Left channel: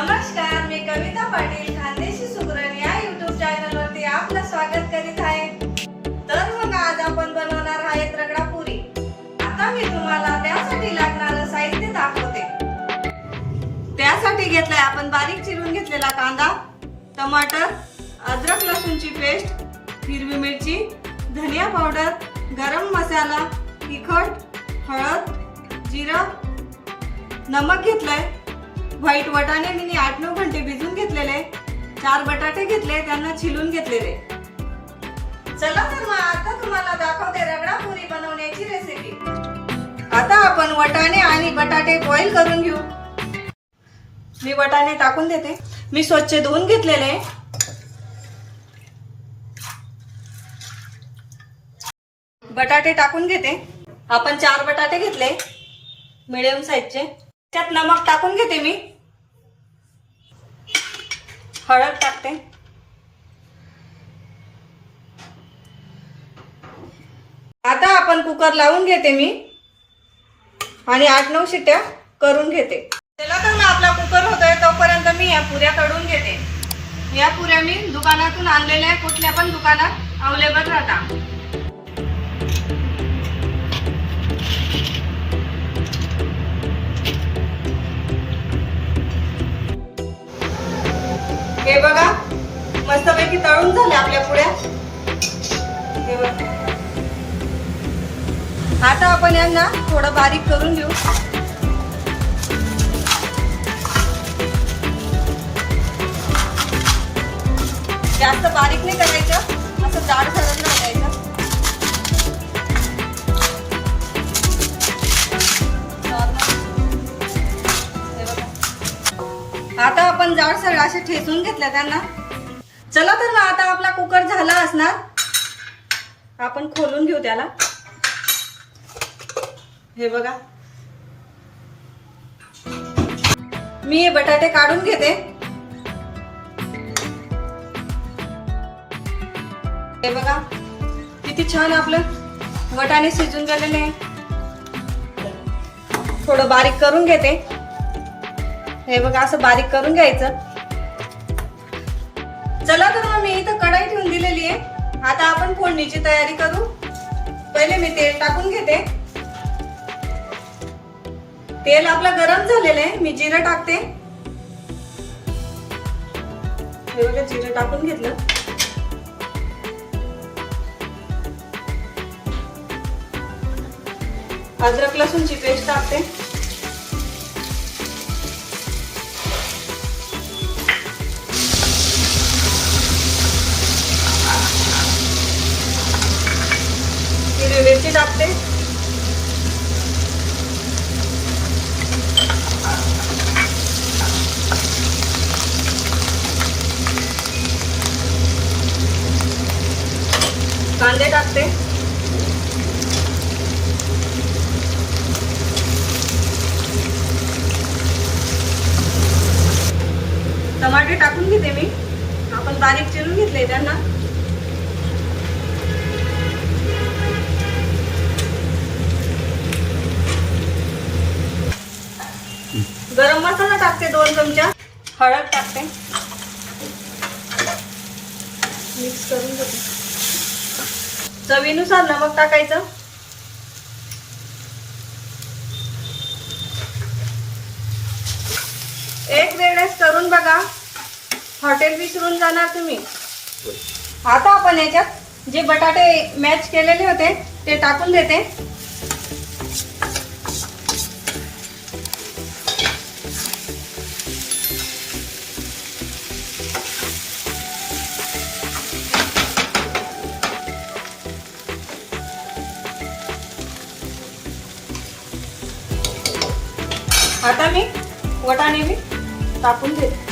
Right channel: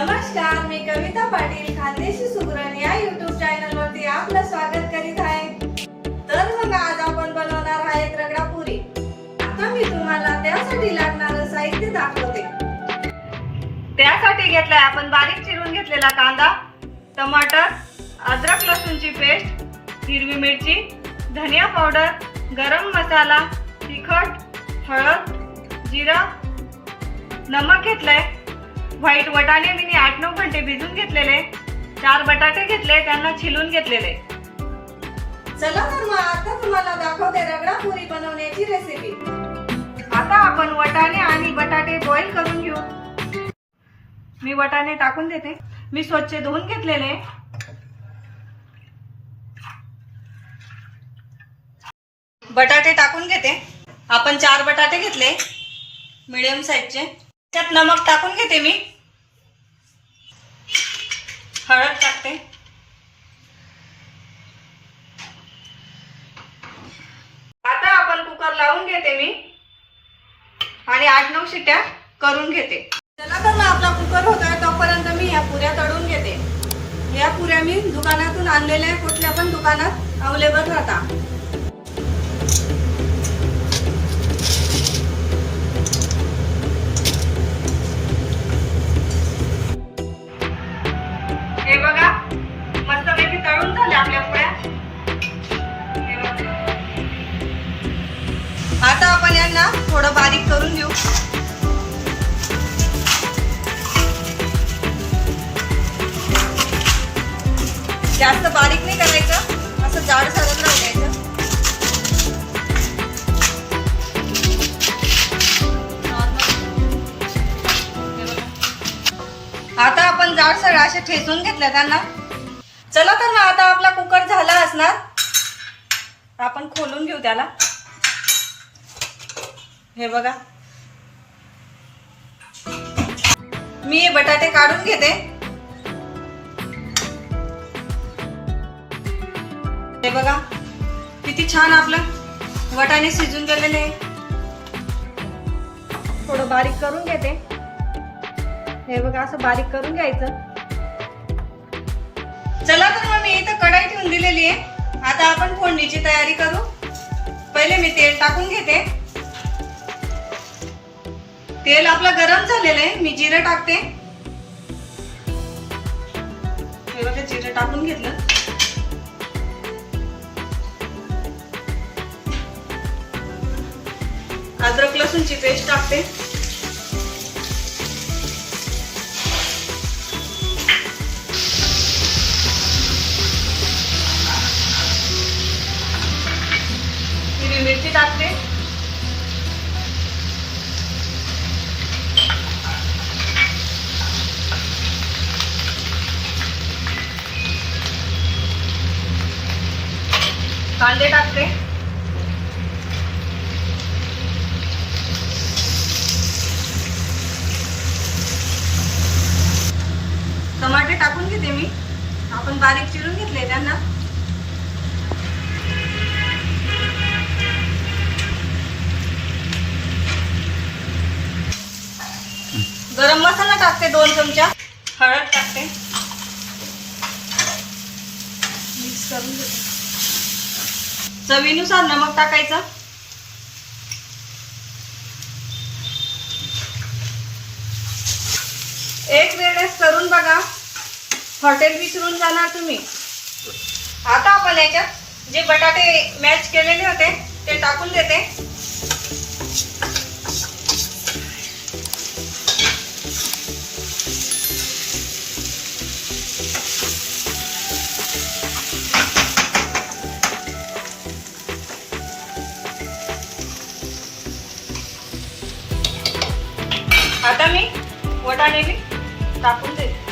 नमस्कार मी कविता पाटील खानदेशी सुगरण या YouTube channel वरती आपलं स्वागत करीत आहे. तर मग आज आपण बनवणार आहेत रगडा पुरी आता मी तुम्हाला त्यासाठी लागणारं साहित्य दाखवते. त्यासाठी घेतलाय आपण बारीक चिरून घेतलेला कांदा टमाटर अद्रक लसूणची पेस्ट हिरवी मिरची धनिया पावडर गरम मसाला तिखट हळद जिरा नमक घेतलंय. व्हाईट वटाणे मी आठ नऊ घंटे भिजून घेतलेले. चार बटाटे घेतले त्यांना छिलून घेतलेले. चला तर मग आता तुम्हाला दाखवते रगडा पुरी बनवण्याची रेसिपी आता आपण वटाणे आणि बटाटे बॉईल करून घेऊ. मी वटाणे टाकून देते. मी स्वच्छ धुवून घेतलेले. बटाटे टाकून घेते. आपण चार बटाटे घेतले. मिडियम साईजचे त्यात नमक टाकून घेते मी. हळद टाकते. आता आपण कुकर लावून घेते मी. आणि आठ नऊ शिट्या करून घेते. चला तर मग आपला कुकर होतोय तोपर्यंत मी या पुऱ्या कडून घेते. या पुऱ्या मी दुकानातून आणलेल्या आहे कुठल्या पण दुकानात अवेलेबल राहता. यांना थोडं बारीक करून घेऊ. जास्त बारीक नाही करायचं असं जाड सरळ राखायचं आता आपण जाड सर असे ठेचून घेतलं त्यांना. चला तर मग आता आपला कुकर झाला असणार. आपण खोलून घेऊ त्याला. हे बघा. मी बटाटे काढून घेते. हे बघा किती छान आपलं वटाणे शिजून गेलेले आहे. थोडं बारीक करून घेते. हे बघा असं बारीक करून घ्यायचं. चला तर मग मी इथं कढाई ठेवून दिलेली आहे. आता आपण फोडणीची तयारी करू. पहिले मी तेल टाकून घेते. तेल आपलं गरम झालेलं आहे. मी जिरं टाकते. हे बघा जिरं टाकून घेतलं. अद्रक लसूणची पेस्ट टाकते. हिरवी मिरची टाकते. कांदे टाकते. टमाटे टाकून घेते मी. आपण बारीक चिरून घेतले त्यांना. गरम मसाला टाकते दोन चमचा. हळद टाकते. मिक्स करून घेते. चवीनुसार नमक टाकायचं. एक वेळेस करून बघा. हॉटेल विसरून जाणार तुम्ही. आता आपण याच्यात जे बटाटे मॅच केलेले होते ते टाकून देते. वटाणे मी टाकून देते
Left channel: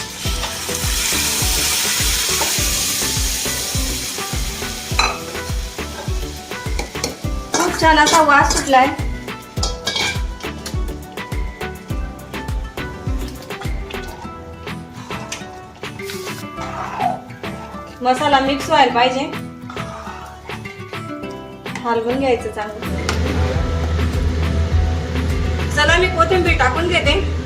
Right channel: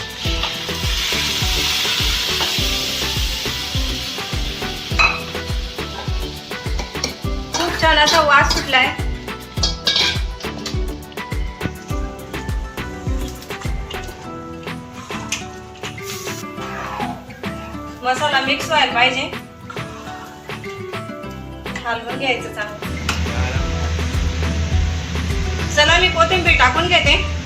खूप छान असा वास सुटलाय. मसाला मिक्स व्हायला पाहिजे. हलवून घ्यायचं चांगलं. चला मी कोथिंबीर टाकून घेते.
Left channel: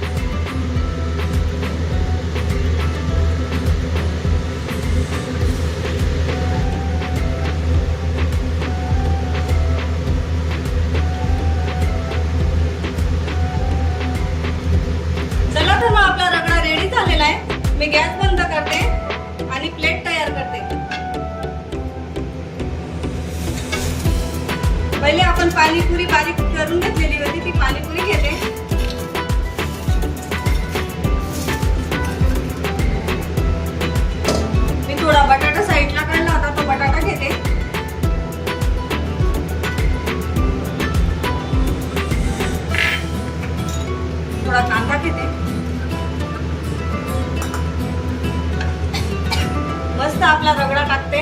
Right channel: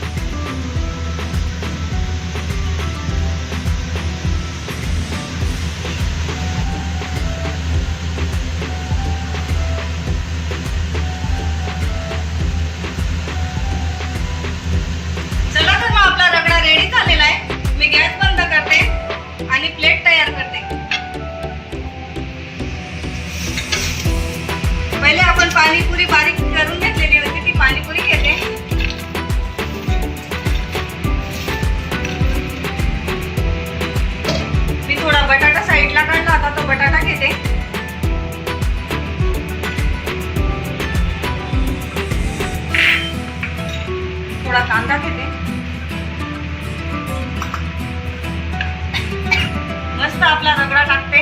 मस्त आपला रगडा टाकते.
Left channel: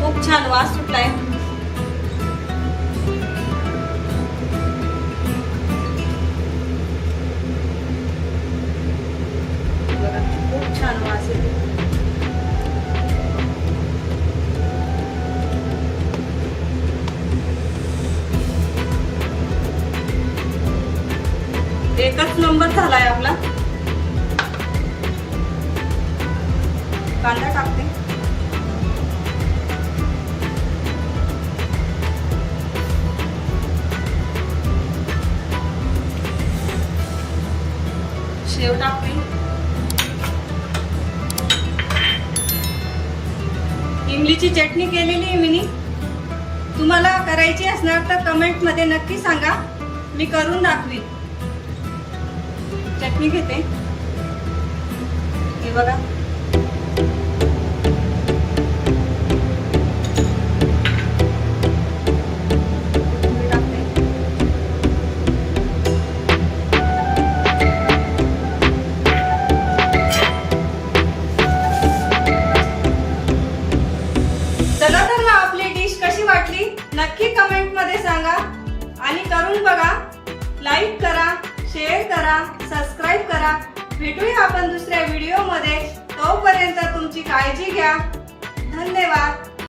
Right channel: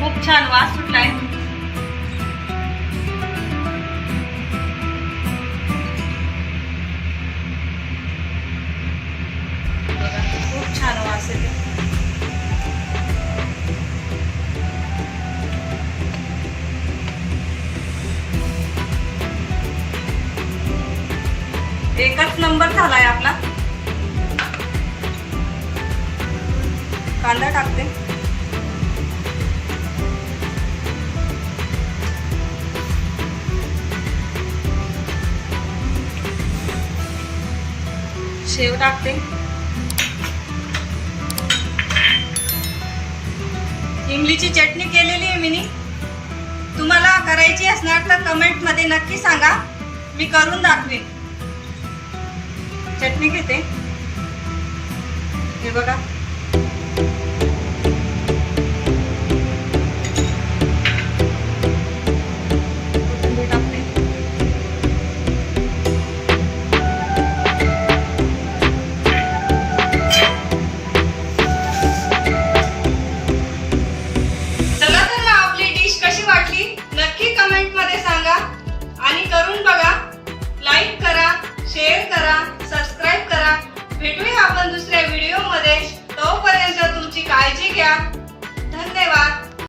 खूप छान वास सुटलाय. खूप छान वास एकच नंबर झालाय आपला. कांदा टाकते. शेव टाकते. इमलीची चटणी केलेली आहे मी तुम्हाला करायची असणार तर कमेंटमध्ये नक्की सांगा. मी करून दाखवीन. चटणी घेते. हे बघा.